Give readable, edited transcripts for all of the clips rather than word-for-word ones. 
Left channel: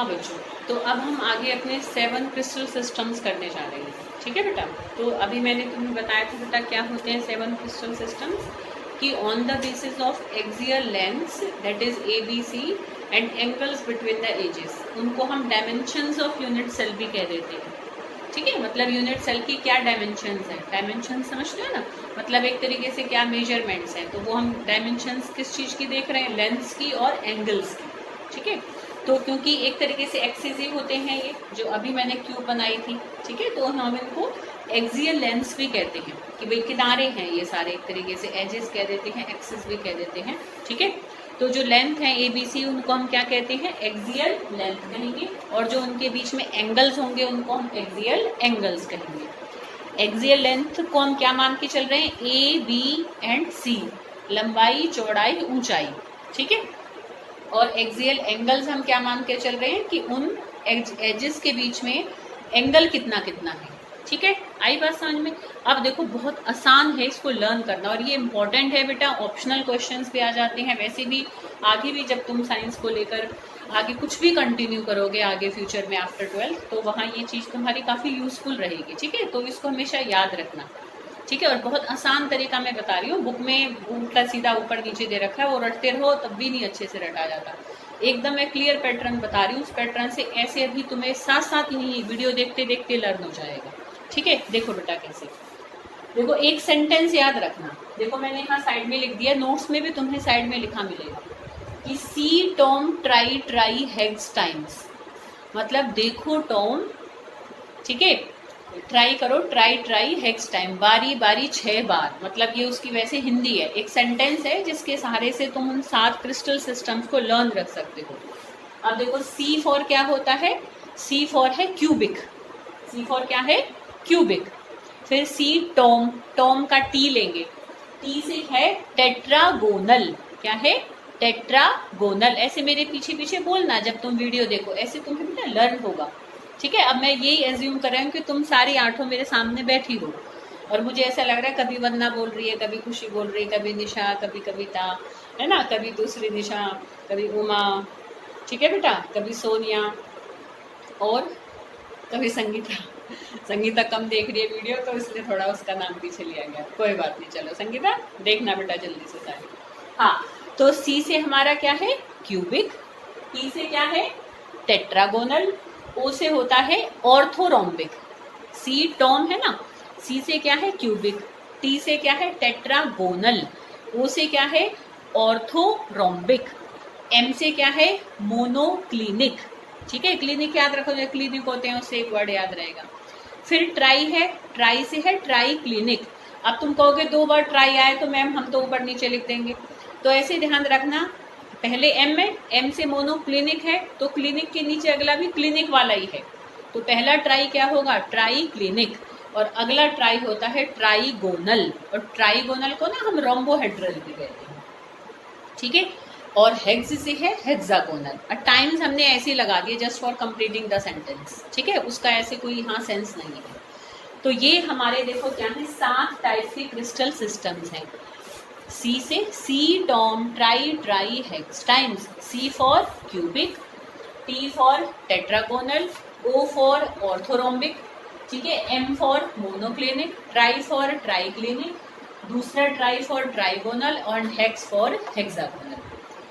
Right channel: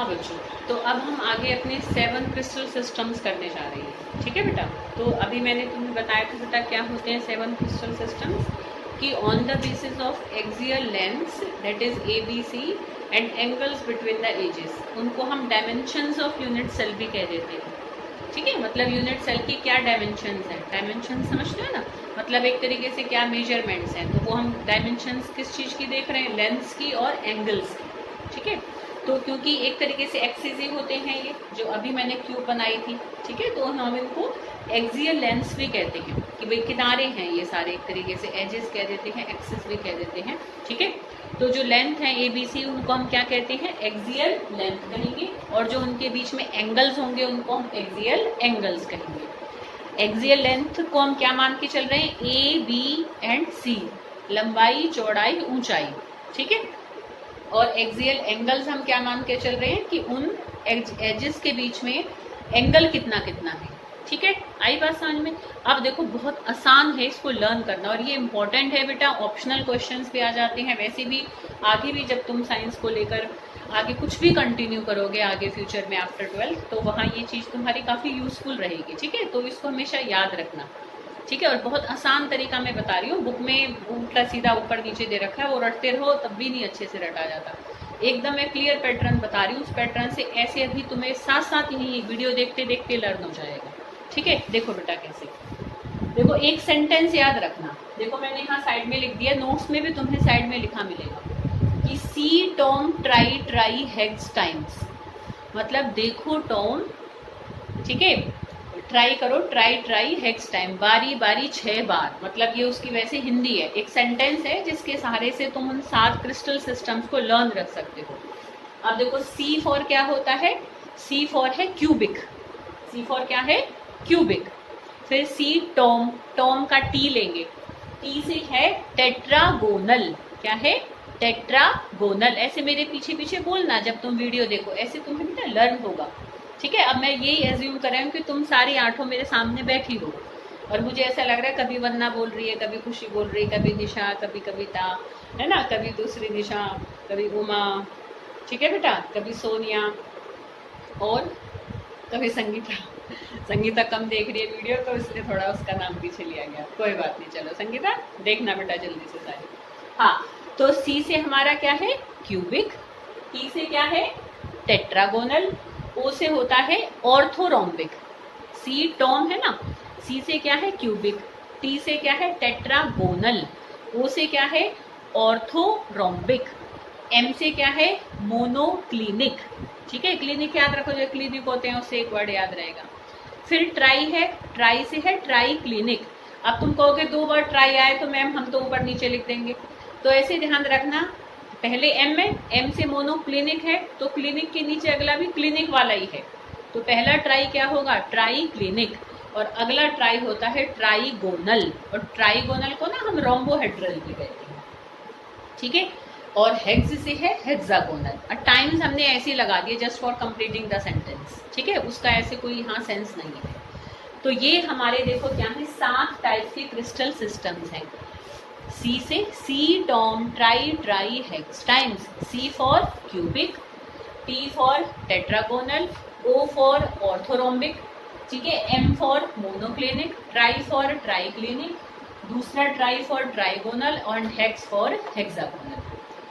हाँ बच्चों, तो अब हम आगे अपने 7 क्रिस्टल सिस्टम्स करने जा रहे हैं। ठीक है बेटा, तो अभी मैंने तुम्हें बताया था बेटा क्या होते हैं 7 क्रिस्टल सिस्टम्स, कि on the basis of axial lengths that is ABC and angles between the axes, उनको हम डायमेंशंस ऑफ यूनिट सेल भी कह देते हैं। ठीक है, मतलब यूनिट सेल की क्या डायमेंशंस हैं, डायमेंशन समझते हो ना, मतलब एक तरीके से क्या मेजरमेंट्स हैं, तो वो हम डायमेंशंस किस चीज़ की देख रहे हैं, लेंथ्स की और एंगल्स की। ठीक है, तो क्योंकि एक तरीके से एक्सिस ही होते हैं ये, जो अभी मैंने क्यूब बनाई थी। ठीक है, तो हम इनको एक्सियल लेंस भी कहते हैं, कि भाई किनारे हैं ये सारे, एक तरीके से एजेस कह देते हैं, एक्सिस भी कह देते हैं। ठीक है, तो जो लेंथ है ABC उनको हम क्या कहते हैं, एक्सियल लेंथ कहेंगे, और जो उनके बीच में एंगल्स होंगे उनको हम एक्सियल एंगल्स कहेंगे। एक्सियल लेंथ को हम क्या मान के चल रहे हैं, A, B एंड C, लंबाई, चौड़ाई, ऊंचाई। ठीक है, और एक्सियल एंगल्स हम क्या मान के चल रहे हैं, कि उन एजेस के बीच में एंगल कितना कितना है। ठीक है, आई बात समझ में। अब देखो बहुत आसान है इसको लर्न करना, और ये इंपॉर्टेंट है बेटा, ऑप्शनल क्वेश्चंस भी आ जाते हैं, वैसे भी आगे भी जब तुम साइंस को लेकर आगे कुछ भी कंटिन्यू करोगे आगे फ्यूचर में आफ्टर 12th, तो वहाँ ये चीज़ तुम्हारी काफ़ी यूजफुल रहेगी। ठीक है, तो इसको हमेशा याद रखना। ठीक है, और बहुत आसान तरीका मैं बता रही हूँ, बुक में उल्टा सीधा ऊपर नीचे दे रखा है, वो रटते रहो तब भी नहीं अच्छे से रटा जाता। एकदम मैं क्लियर पैटर्न बता रही हूँ, उस पैटर्न से ऐसे अभी तुम्हें साथ साथ ही वीडियो देखते देखते लर्न हो जाएगा। ठीक है, देखो बेटा कैसे, देखो एक सेंटेंस याद रखना, देखो मैंने यहाँ साइड में लिख दिया, नोट्स में भी तुम्हें साइड में लिखा मिलेगा कि C Tom tri tri hex times, मतलब देखो टॉम, ठीक है, ट्राई करो, ट्राई ट्राई हेक्स टाइम, बारी बारी 6 बार, मतलब ये उसकी वैसे हिंदी है, एक सेंटेंस है जिसके सहारे से तुम उन 7 क्रिस्टल सिस्टम्स को लर्न रख सकते हो। अब देखो C फॉर क्या होता है, C फॉर है क्यूबिक, C फॉर क्या है, क्यूबिक। फिर C टॉम, टॉम का T लेंगे, T से है टेट्रागोनल, क्या है, टेट्रागोनल। ऐसे मेरे पीछे पीछे बोलना जब तुम वीडियो देखो, ऐसे तुम्हें ना लर्न होगा। ठीक है, अब मैं यही एज्यूम कर रही हूँ कि तुम सारी 8 मेरे सामने बैठी हो, और मुझे ऐसा लग रहा है कभी वंदना बोल रही है, कभी खुशी बोल रही है, कभी निशा, कभी कविता, है ना, कभी दूसरी निशा, कभी उमा, ठीक है बेटा, कभी सोनिया, और कभी संगीता। संगीता कम देख रही है वीडियो, तो इसलिए थोड़ा उसका नाम पीछे लिया गया, कोई बात नहीं। चलो संगीता देखना बेटा जल्दी से सारे। हाँ, तो C से हमारा क्या है, क्यूबिक, T से क्या है, टेट्रागोनल, O से होता है ऑर्थोरोम्बिक, C टॉम है ना, C से क्या है, क्यूबिक, T से क्या है, टेट्रागोनल, O से क्या है, ऑर्थोरोम्बिक, M से क्या है, मोनोक्लिनिक। ठीक है, क्लिनिक याद रखो, जो क्लिनिक होते हैं उससे एक वर्ड याद रहेगा। फिर ट्राई है, ट्राई से है ट्राई क्लिनिक। अब तुम कहोगे 2 बार ट्राई आए तो मैम हम तो ऊपर नीचे लिख देंगे, तो ऐसे ध्यान रखना, पहले M है, M से मोनो क्लिनिक है, तो क्लिनिक के नीचे अगला भी क्लिनिक वाला ही है, तो पहला ट्राई क्या होगा, ट्राई क्लिनिक, और अगला ट्राई होता है ट्राईगोनल, और ट्राईगोनल को ना हम रोम्बोहेड्रल भी कहते हैं। ठीक है, और हेक्स से है हेक्सागोनल, और टाइम्स हमने ऐसे लगा दिए just for completing the sentence. ठीक है, उसका ऐसे कोई यहाँ सेंस नहीं है। तो ये हमारे देखो क्या है, 7 टाइप के क्रिस्टल सिस्टम्स हैं। C से C Tom tri tri hex times, C for cubic, T for tetragonal, O for orthorhombic, ठीक है, M for monoclinic, tri for triclinic, दूसरा ट्राई फॉर ट्राईगोनल, और हेक्स फॉर हेक्सागोनल।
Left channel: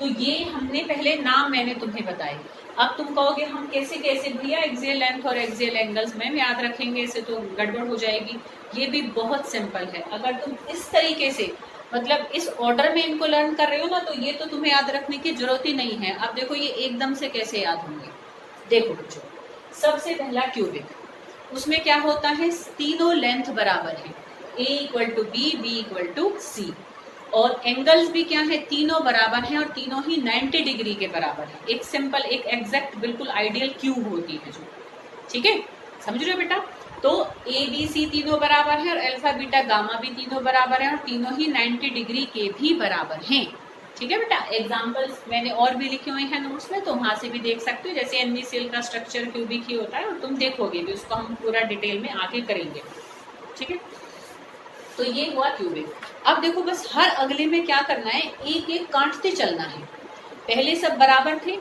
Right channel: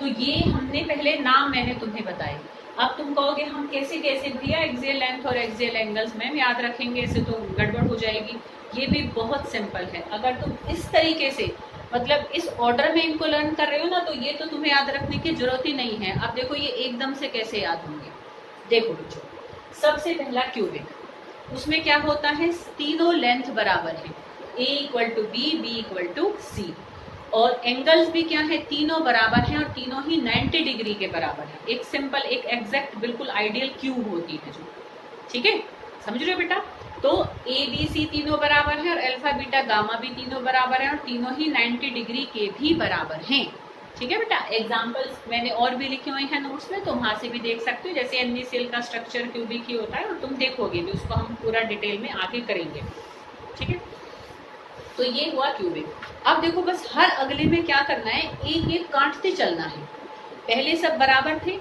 तो ये हमने पहले नाम मैंने तुम्हें बताए। अब तुम कहोगे हम कैसे कैसे भैया एक्सियल लेंथ और एक्सियल एंगल्स में याद रखेंगे, इसे तो गड़बड़ हो जाएगी। ये भी बहुत सिंपल है, अगर तुम इस तरीके से मतलब इस ऑर्डर में इनको लर्न कर रहे हो ना, तो ये तो तुम्हें याद रखने की जरूरत ही नहीं है। अब देखो ये एकदम से कैसे याद होंगे, देखो बच्चों, सबसे पहला क्यूबिक, उसमें क्या होता है, तीनों लेंथ बराबर है, A equal to B, B equal to C, और एंगल्स भी क्या है, तीनों बराबर हैं, और तीनों ही 90 डिग्री के बराबर है। एक सिंपल, एक एग्जैक्ट, बिल्कुल आइडियल क्यूब होती है जो, ठीक है, समझ रहे हो बेटा। तो A B C तीनों बराबर हैं, और अल्फा बीटा गामा भी तीनों बराबर हैं, और तीनों ही 90 डिग्री के भी बराबर हैं। ठीक है बेटा, एग्जाम्पल्स मैंने और भी लिखे हुए हैं नोट्स में, तो वहां से भी देख सकते हो, जैसे NaCl का स्ट्रक्चर क्यूबिक ही होता है, और तुम देखोगे भी, उसको हम पूरा डिटेल में आगे करेंगे। ठीक है, तो ये हुआ क्यूबिक। अब देखो बस हर अगले में क्या करना है, एक एक काटते चलना है। पहले सब बराबर थे,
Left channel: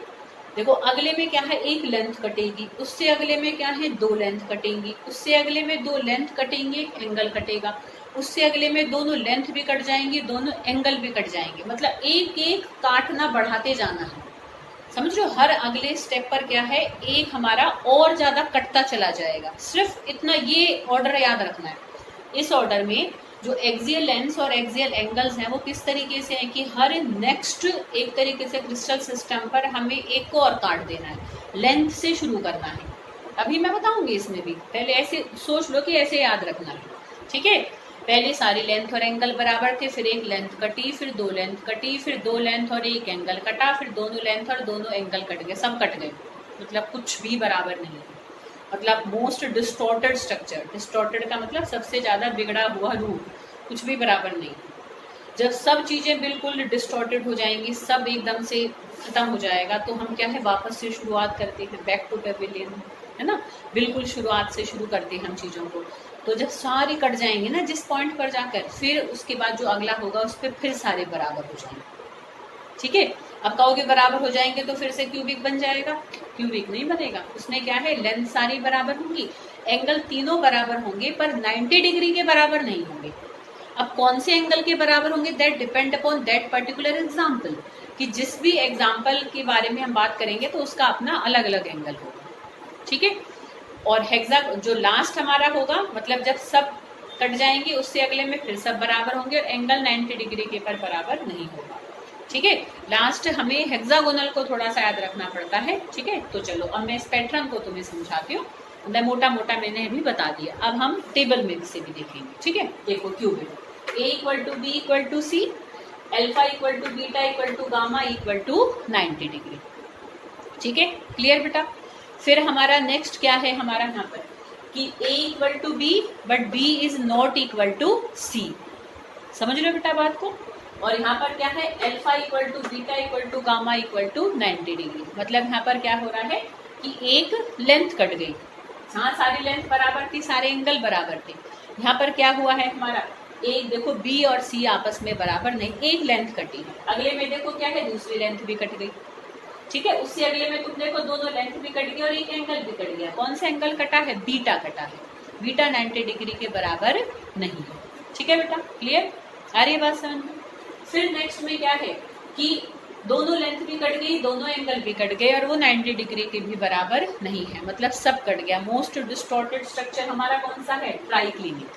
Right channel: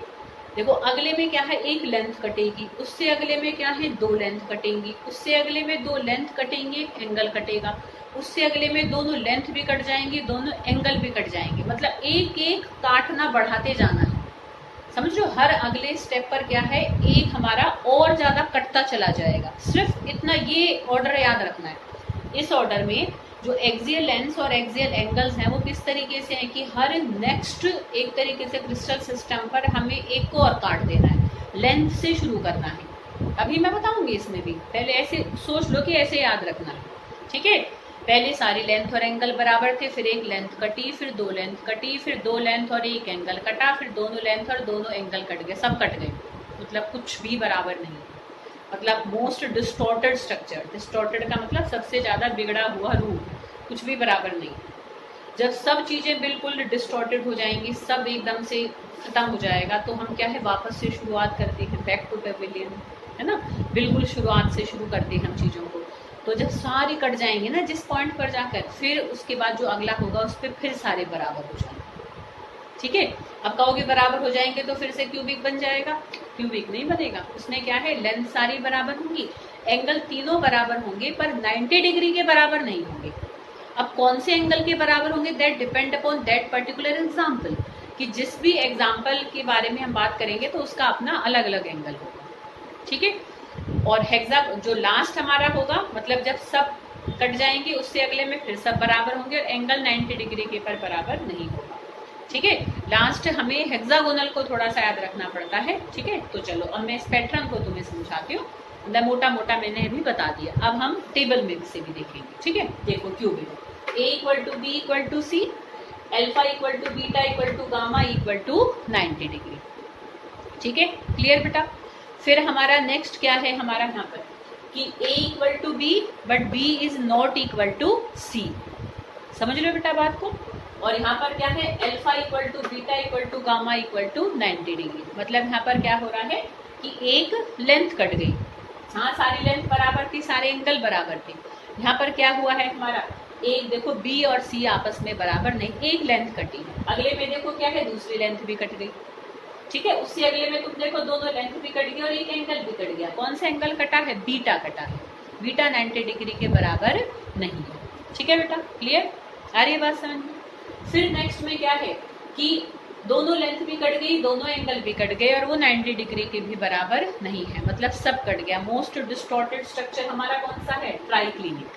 देखो अगले में क्या है, एक लेंथ कटेगी, उससे अगले में क्या है, दो लेंथ कटेंगी, उससे अगले में दो लेंथ कटेंगे, एंगल कटेगा, उससे अगले में दोनों लेंथ भी कट जाएंगी, दोनों एंगल भी कट जाएंगे। मतलब एक एक काटना बढ़ाते जाना है, समझ लो। हर अगले स्टेप पर क्या है, एक हमारा और ज्यादा कटता चला जाएगा। सिर्फ इतना ये ऑर्डर याद रखना है। इस ऑर्डर में जो एक्सियल लेंस और एक्सियल एंगल्स हैं वो किस तरीके से हैं कि हर नेक्स्ट एक तरीके से क्रिस्टल सिस्टम पर हमें एक को और काट देना है, लेंथ से शुरू करना है। अभी मैं बताऊंगी इसमें भी, पहले ऐसे सोच लो कि ऐसे याद रखना, ठीक है। पहले सारी लेंथ और एंगल बराबर थे, फिर एक लेंथ कटी, फिर दो लेंथ कटी, फिर दो लेंथ और एक एंगल कटा, फिर दोनों लेंथ और दोनों एंगल कट गए, सब कट गए, मतलब कुछ भी बराबर नहीं। मतलब मोस्ट डिस्टॉर्टेड स्ट्रक्चर, डिस्टॉर्टेड का मतलब सबसे ज्यादा बिगड़ा हुआ रूप, कुछ भी बराबर नहीं। जब सब चीजें बिल्कुल डिस्टॉर्टेड हो जाएंगी, सब एकदम से खत्म हो जाएगा, तो हम क्या है वापस से शुरुआत करते हैं, बैक टू पेविलियन, है ना, बिल्कुल शुरुआत से शुरू करते हैं हम चीजों को। तो जब सारी कट जाएंगे ना जिस पॉइंट पर जाकर, फिर उसके बाद जो अगला होगा उस पर फिर सारे बराबर हो जाएंगे, ठीक है। अब कहोगे बराबर हो जाएंगे तो फिर से क्यूबिक बन जाएगा, क्यूबिक नहीं बनेगा। उसमें क्या है, लेंथ सारी बराबर होंगी, एंगल तीनों बराबर होंगे, पर 90 डिग्री के बराबर नहीं होंगे। अब कौन से एंगल के बराबर होंगे, that depend upon that particular example, कि जिस भी एग्जाम्पल के बारे में हम बात करेंगे तो उसका अपना अलग अलग एंगल होगा, ठीक है। और हेक्सा जो लास्ट हमारा होगा, मतलब जब सब कट जाएंगे उससे अगले में फिर सब बराबर होंगे और एंगल 90 डिग्री के पर बराबर नहीं होगा, ठीक है। लास्ट हमें हेक्सागोनल को थोड़ा सा याद रखना पड़ता है, ठीक है। तो चलो अब मैं इस पैटर्न को तुम्हें समझाती हूँ, मतलब मोटा मोटा मैंने अभी बता दिया। अब हम टेबल में से भी देखेंगे, ठीक है। देखो cubic, A equal to B equal to C, alpha equal to beta equal to gamma equal to 90 degree, ठीक है। क्लियर बेटा। फिर हमारा नेक्स्ट क्या है, हमारा यहाँ पर कि a equal to B but b is not equal to c, समझ लो बेटा बात को। और यहाँ पर क्या है, alpha equal to beta equal to gamma equal to 90 degree. मतलब यहाँ पर क्या हो रहा है कि एक लेंथ कट गई, हाँ सारी लेंथ बराबर थी, सारे एंगल बराबर थे। यहाँ पर क्या हुआ है हमारा, एक देखो b और c आपस में बराबर नहीं, एक लेंथ कटी है। अगले में देखो क्या है, दूसरी लेंथ भी कट गई, ठीक है। उससे अगले में तुम देखो दोनों लेंथ भी कट गई और एक एंगल भी कट गया। कौन सा एंगल कटा है, बीटा कटा है, बीटा 90 डिग्री के बराबर नहीं है, ठीक है बेटा। क्लियर, आ रही है बात समझ में। फिर नेक्स्ट में क्या है कि दोनों लेंथ भी कट गई, दोनों एंगल भी कट गए और वो 90 डिग्री के भी बराबर नहीं है, मतलब सब कट गया। मोस्ट डिस्टॉर्टेड स्ट्रक्चर हमारा कौन सा है, ट्राइक्लिनिक,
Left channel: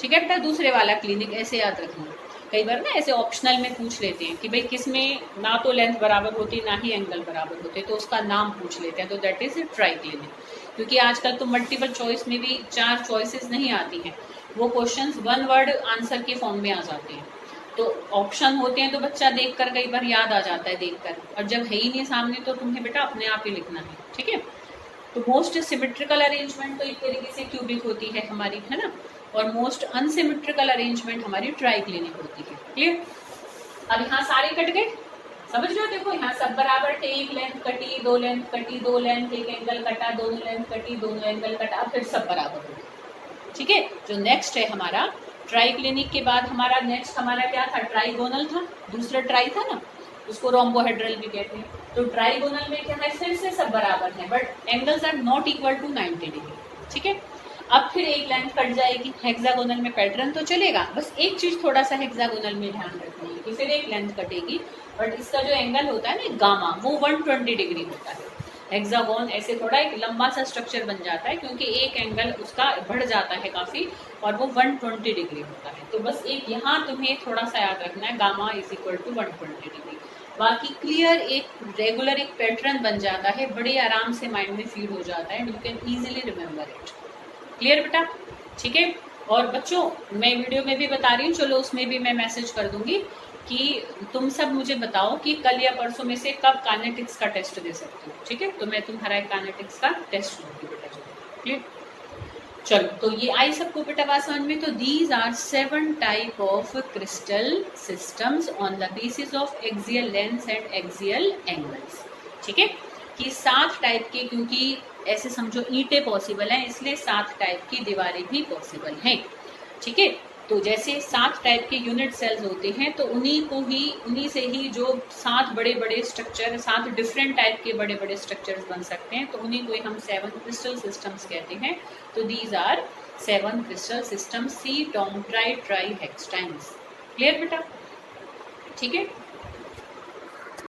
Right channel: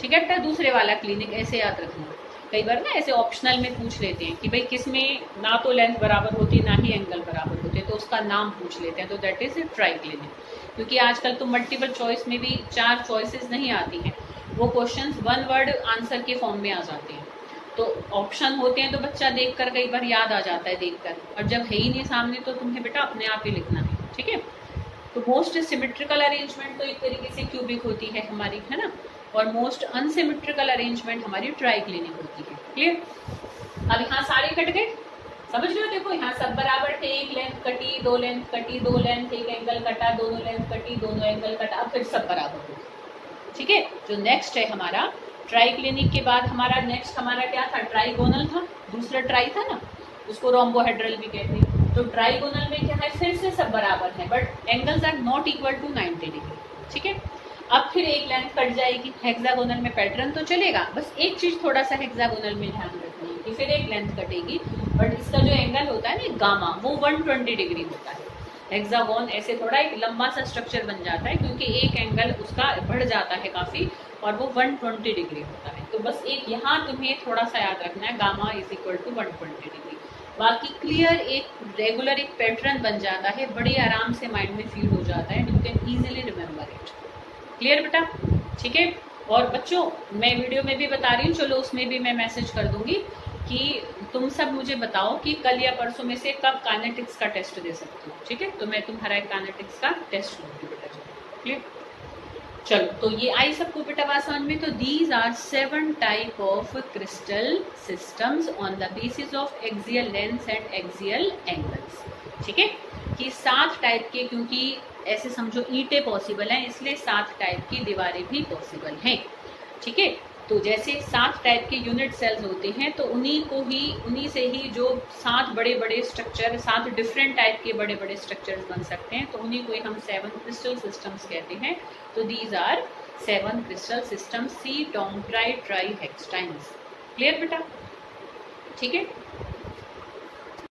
ठीक है बेटा। दूसरे वाला क्लिनिक ऐसे याद रखना, कई बार ना ऐसे ऑप्शनल में पूछ लेते हैं कि भाई किसमें ना तो लेंथ बराबर होती है ना ही एंगल बराबर होते, तो उसका नाम पूछ लेते हैं, तो दैट इज ट्राइक्लिनिक। क्योंकि आजकल तो मल्टीपल चॉइस में भी 4 चॉइसेस नहीं आती हैं, वो क्वेश्चंस 1 वर्ड आंसर के फॉर्म में आ जाते हैं। तो ऑप्शन होते हैं तो बच्चा देख कर कई बार याद आ जाता है देखकर, और जब है ही नहीं सामने तो तुम्हें बेटा अपने आप ही लिखना है, ठीक है। तो मोस्ट सिमेट्रिकल अरेंजमेंट तो एक तरीके से क्यूबिक होती है हमारी, है ना, और मोस्ट अनसिमेट्रिकल अरेंजमेंट हमारी ट्राइक्लिनिक होती है। क्लियर। अब यहाँ सारे कट गए, समझ लो। देखो यहाँ सब बराबर थे, एक लेंथ कटी, दो लेंथ कटी, दो लेंथ एक एंगल कटा, दोनों लेंथ कटी, दोनों एंगल कटा, फिर सब बराबर हो गए, ठीक है। जो नेक्स्ट है हमारा ट्राइक्लिनिक के बाद हमारा नेक्स्ट हमारा क्या था, ट्राइगोनल था। दूसरा ट्राई था ना, उसको रोम्बोहेड्रल भी कहते हैं। तो ट्राइगोनल में क्या है, फिर से सब बराबर है but angles are not equal to 90 degree, ठीक है। अब फिर एक लेंथ कट जाएगी। हेक्सागोनल में पैटर्न तो चलेगा, बस एक चीज थोड़ा सा हेक्सागोनल में ध्यान रखनी है कि फिर एक लेंथ कटेगी बट इसका जो एंगल होता है ना गामा, वो 120 डिग्री होता है। हेक्सागोन ऐसे थोड़ा एक लंबा सा स्ट्रक्चर बन जाता है क्योंकि एक एंगल उसका बढ़ जाता है काफी और वो 120 डिग्री होता है। तो बस एक यहाँ तुम्हें थोड़ा सा याद रखना है, gamma is equal to 120 degree. बाकी क्लियर एक रेगुलर एक पैटर्न बन जाता है, बड़ी आराम से माइंड में फील हो जाता है, you can easily remember it. Clear बेटा, ठीक है। और बच्चों मैं वीडियो में भी बता रही हूँ, चलो उसमें भी मैं मैसेज कर दूंगी कि तुम सब मुझे बताओ कि कल या परसों में से कब काइनेटिक्स का टेस्ट दे सकती हो, ठीक है। तो मैं तुम्हारा काइनेटिक्स का टेस्ट लूंगी बेटा, क्लियर। चलो तो ये आई सबको बेटा बात समझ में। तो these are 7 type of crystal systems on the basis of axial length and axial angles, ठीक है। कि 7 टाइप के, क्योंकि ऐसे समझो ईंटें पॉसिबल हैं इसलिए 7 टाइप की दीवारें भी पॉसिबल हैं, ठीक है। तो जैसे 7 टाइप के यूनिट सेल्स होते हैं, तो उन्हीं से ही जो 7 बड़े बड़े स्ट्रक्चर, 7 डिफरेंट टाइप के बड़े बड़े स्ट्रक्चर्स बन सकते हैं, तो उन्हीं को ही हम 7 क्रिस्टल सिस्टम्स कहते हैं। तो these are 7 crystal system, C Tom tri tri hex times. Clear बेटा? ठीक है।